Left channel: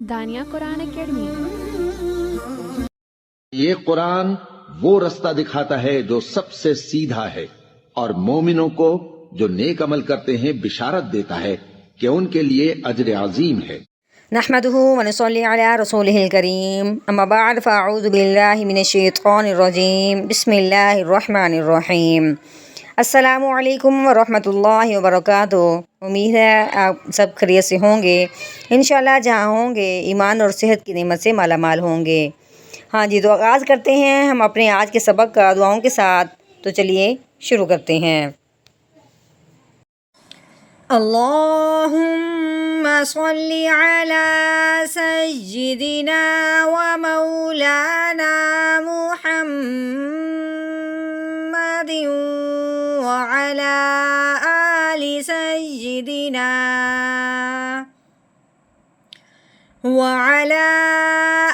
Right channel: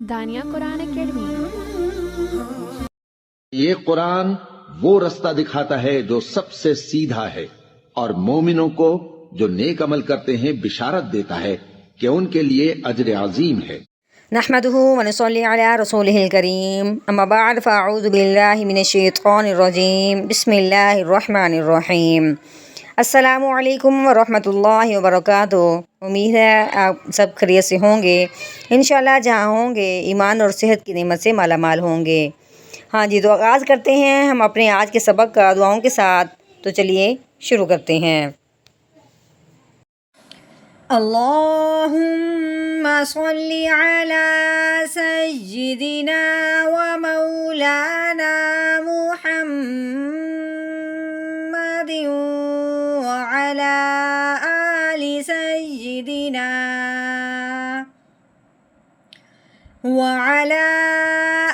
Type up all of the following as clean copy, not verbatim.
دانیہ قرآن academy. یہ قرآن وہ رستہ دکھاتا ہے جو سب سے سیدھا ہے، اور مومنوں کو جو نیک عمل کرتے ہیں بشارت دیتا ہے کہ ان کے لیے اجر عظیم ہے۔ نحمده ونصلي على رسوله الكريم اما بعد فاعوذ بالله من الشیطان الرجیم بسم اللہ الرحمن الرحیم۔ السلام علیکم ورحمۃ اللہ وبرکاتہ۔ امید ہے آپ سب خیریت سے ہوں گے، انشاءاللہ جہاں ہوں گے ایمان اور صحت کی نعمت سے مالا مال ہوں گے۔ ہاں جی، تو آغاز کرتے ہیں ہم اپنے آج کے سبق کا دعاؤں کے ساتھ۔ تو چلیے شروع کرتے ہیں۔ اللہم صلی علی سیدنا و مولانا محمد وعلی آل سیدنا وعلی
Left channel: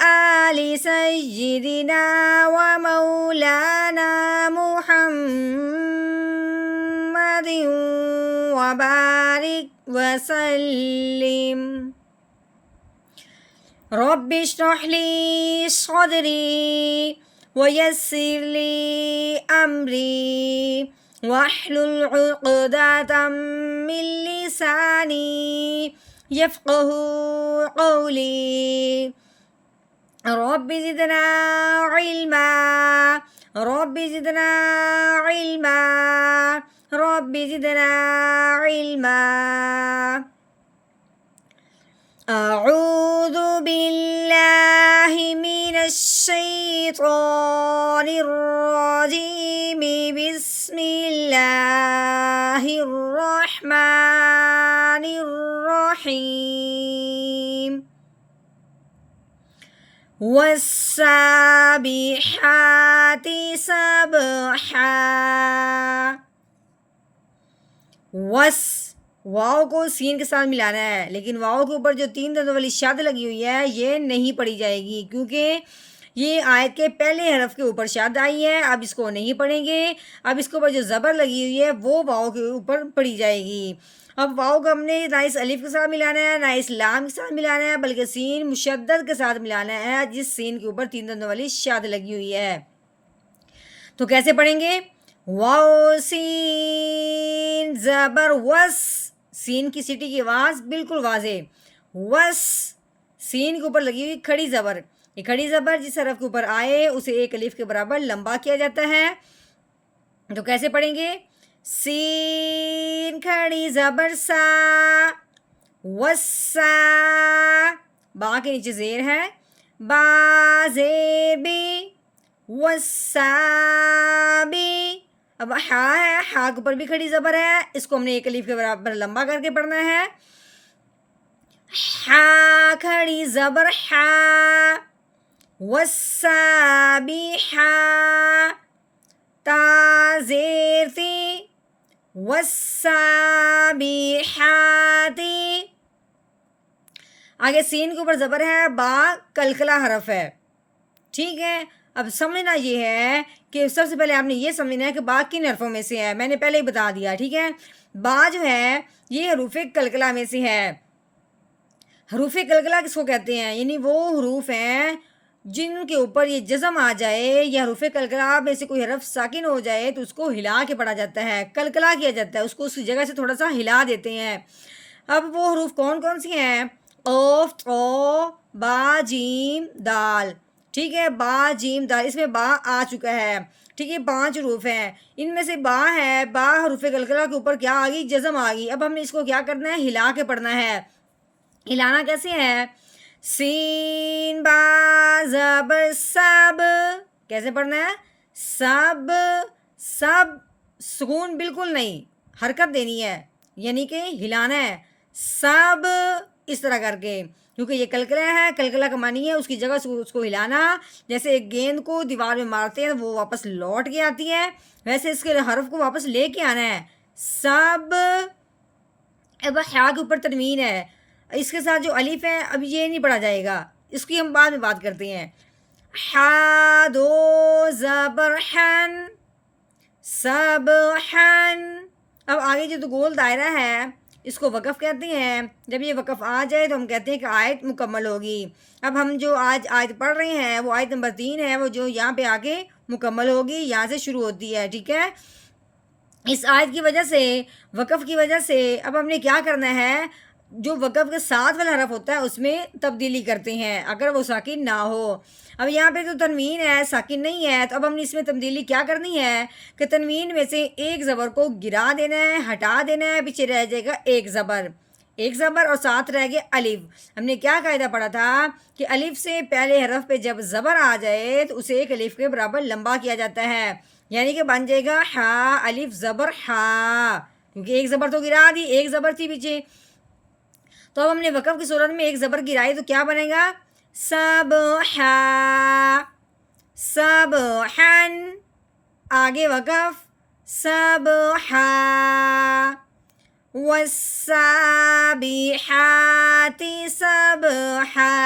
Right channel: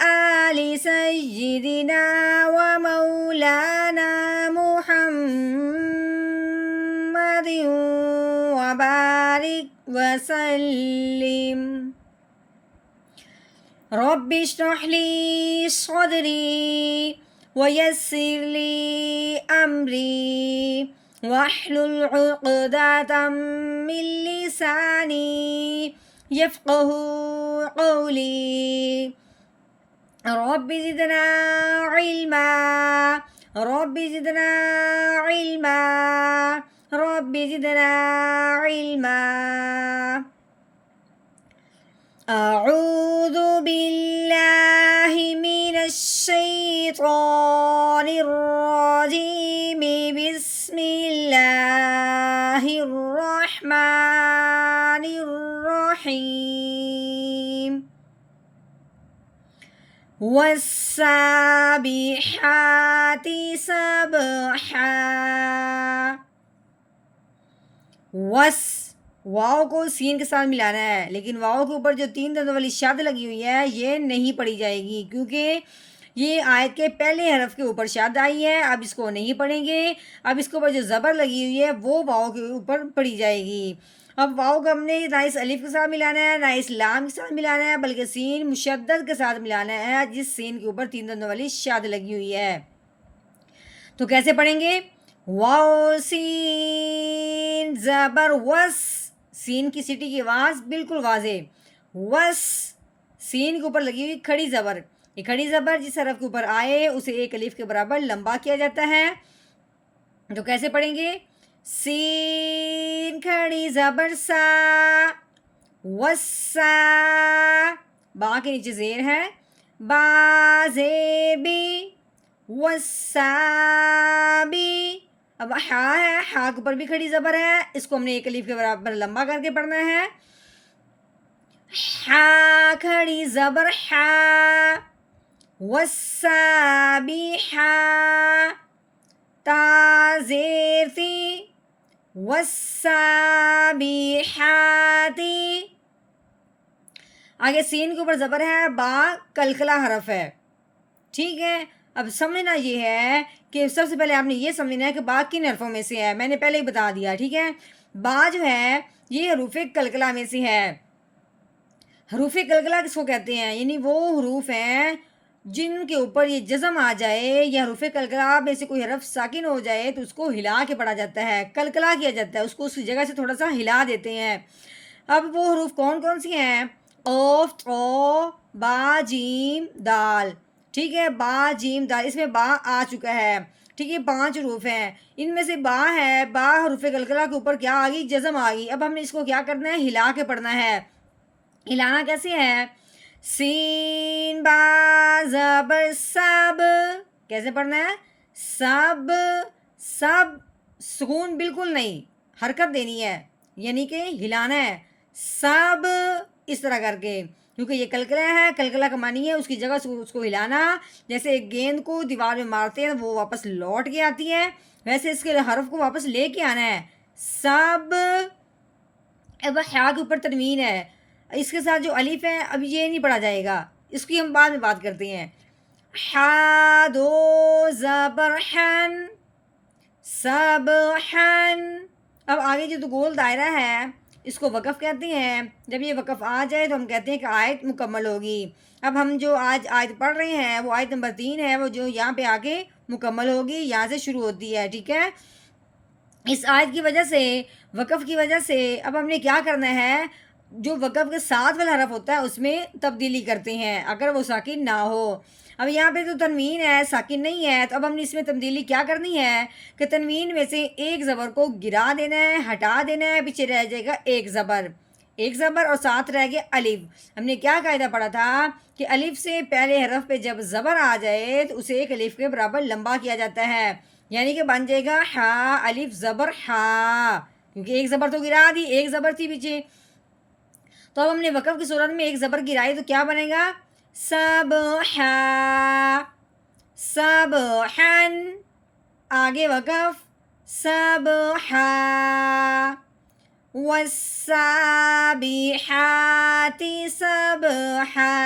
آل سیدنا و مولانا محمد وبارک وسلم۔ رب اشرح لی صدری ویسر لی امری واحلل عقدۃ من لسانی یفقہوا قولی۔ رب زدنا علما رب زدنا علما رب زدنا علما۔ اعوذ باللہ من الشیطان الرجیم بسم اللہ الرحمن الرحیم۔ والسابحات سبحا۔ واؤ کو سین کے ساتھ ملانا ہے، لیکن واؤ کے اوپر جو تین دندوں والی شد لگی ہوئی ہے یہ نہیں پڑھی جائے گی، کیونکہ یہ آیت کے پہلے حرف کے اوپر شد آئی ہے۔ اب اس کو نہیں پڑھیں گے، اب اس کے اوپر جو زبر لگی ہوئی ہے وہ واؤ کے اوپر پڑھی جائے گی۔ اب واؤ کو ہم نے نہ اس الف کے ساتھ ملانا ہے نہ اس لام کے ساتھ ملانا ہے، بلکہ سین مشدد کے ساتھ ملانا ہے، جس سین کے اوپر تین دندوں والی شد لگی ہوئی ہے۔ تو کیسے پڑھیں گے؟ واو سین زبر وس، سین کی سیٹی کی آواز بالکل واضح، وس، سین کے اوپر لگی ہوئی کھڑی زبر، یہ کھڑی زبر جس حرف کے اوپر آئے اسے ایک الف کے برابر لمبا کیا جاتا ہے۔ تو کیسے پڑھیں گے؟ سین کھڑی زبر سا، وسا، با کے نیچے زیر ہے، با زیر بی، وسابی۔ اب ہا ہے، ہا کے اوپر بھی کھڑی زبر ہے، اس کو ہم نے ایک الف کے برابر لمبا کر کے پڑھنا ہے۔ ہا کھڑی زبر ہا، وسابیحا، تا زیر تی، وسابیحاتی۔ آگے سین کے اوپر زبر ہے، با کلکلا حرف ہے، ٹھیک ہے۔ اب سمجھنا یہ ہے کہ سب سے پہلے آپ نے یہ سمجھنا ہے کہ با کن حرفوں میں سے ہے، میں نے پہلے ہی بتا دیا، ٹھیک ہے۔ با جو ہے یہ حروف کلکلا میں سے ہے۔ حروف کلکلا کس کو کہتے ہیں؟ یعنی وہ حروف ہیں جن کے اوپر یہ جزم آ جائے یا حروف کلکلا میں سے کوئی حرف ساکن ہو جائے تو اس کو ہلا کے پڑھا جاتا ہے، کلکلا کیا جاتا ہے، اس کو اس کی جگہ سے تھوڑا سا ہلا دیتے ہیں۔ اب وہ حروف کون کون سی ہیں؟ قاف، طا، با، جیم، دال، ٹھیک ہے۔ با جیم دال، اس میں با آ چکا ہے، ٹھیک ہے۔ 5 حروف ہیں، ان میں سے با ہے، با حروف کلکلا کے اوپر کیا آ گئی؟ جزم آ گئی۔ اب ہم نے اس کو کیا کرنا ہے؟ ہلا کے پڑھنا ہے۔ ہلانا کیسے ہے؟ سین با زبر سب، کیسے پڑھنا ہے؟ سب، سب، سکون بالکل نہیں، حرکت دینی ہے، یعنی کہ ہلانا ہے، سب، اس طرح کر کے، کیونکہ یہ کلکلا ہے، کلکلا کا معنی ہے اس کی جگہ سے اس کو ہلانا، جیسے ایک گیند کو دیوار میں مارتے ہیں وہ واپس لوٹ کے آتی ہے، ویسے اس کے حرف کو واپس لے کے آنا ہے، سب۔ اب ہا کے اوپر تنوین ہے، اس کے ساتھ جو الف ہے اب یہ نہیں پڑھا جائے گا، اس کی ہم بعد میں بات کرتے ہیں۔ ہا دو زبر حن، سبحن، اب آگے جو تو گول دائرہ ہے اس کو وقف کہتے ہیں. جب یہ وقف آ جائے تو ہم کہتے ہیں کہ آیت مکمل ہوگی. اب ہم جو آج آیت پڑھ رہے ہیں وہ آیت نمبر 3 ہے، وہ جو یہاں پہ آگے مکمل ہوگی، یہاں سے شروع ہوتی ہے. ٹھیک ہے، اس آیت کی وجہ سے، وقف کی وجہ سے اب ہم نے کیا کرنا ہے، جو وقف کے ساتھ والا حرف ہوتا ہے اس میں تبدیلی کرتے ہیں اگر وہ ساکن نہ ہو. اب یہاں پہ تو تنوین ہے، ساکن نہیں ہے، تو اب ہم نے اس میں تبدیلی کیا کرنی ہے کہ تنوین میں سے ایک زبر کو گرا دینا ہے، ہٹا دینا ہے، پیچھے رہ جائے گا ایک زبر، ایک زبر اور ساتھ رہ گیا الف. ہم نے کیا قاعدہ پڑھا تھا کہ الف سے پہلے حرف پہ جب زبر آ جائے تو اسے ایک الف کے برابر لمبا کیا جاتا ہے، یعنی کہ بن جائے گا ہا الف زبر ہا، کیونکہ ایک زبر تو گرا دی، ایک زبر تھی پیچھے. تو اب ہم نے وقف کی صورت میں ایک زبر گرائی تو کیا بنے گا، سبحا، سبحن، آگے وقف، سبحا، والسابحات سبحا،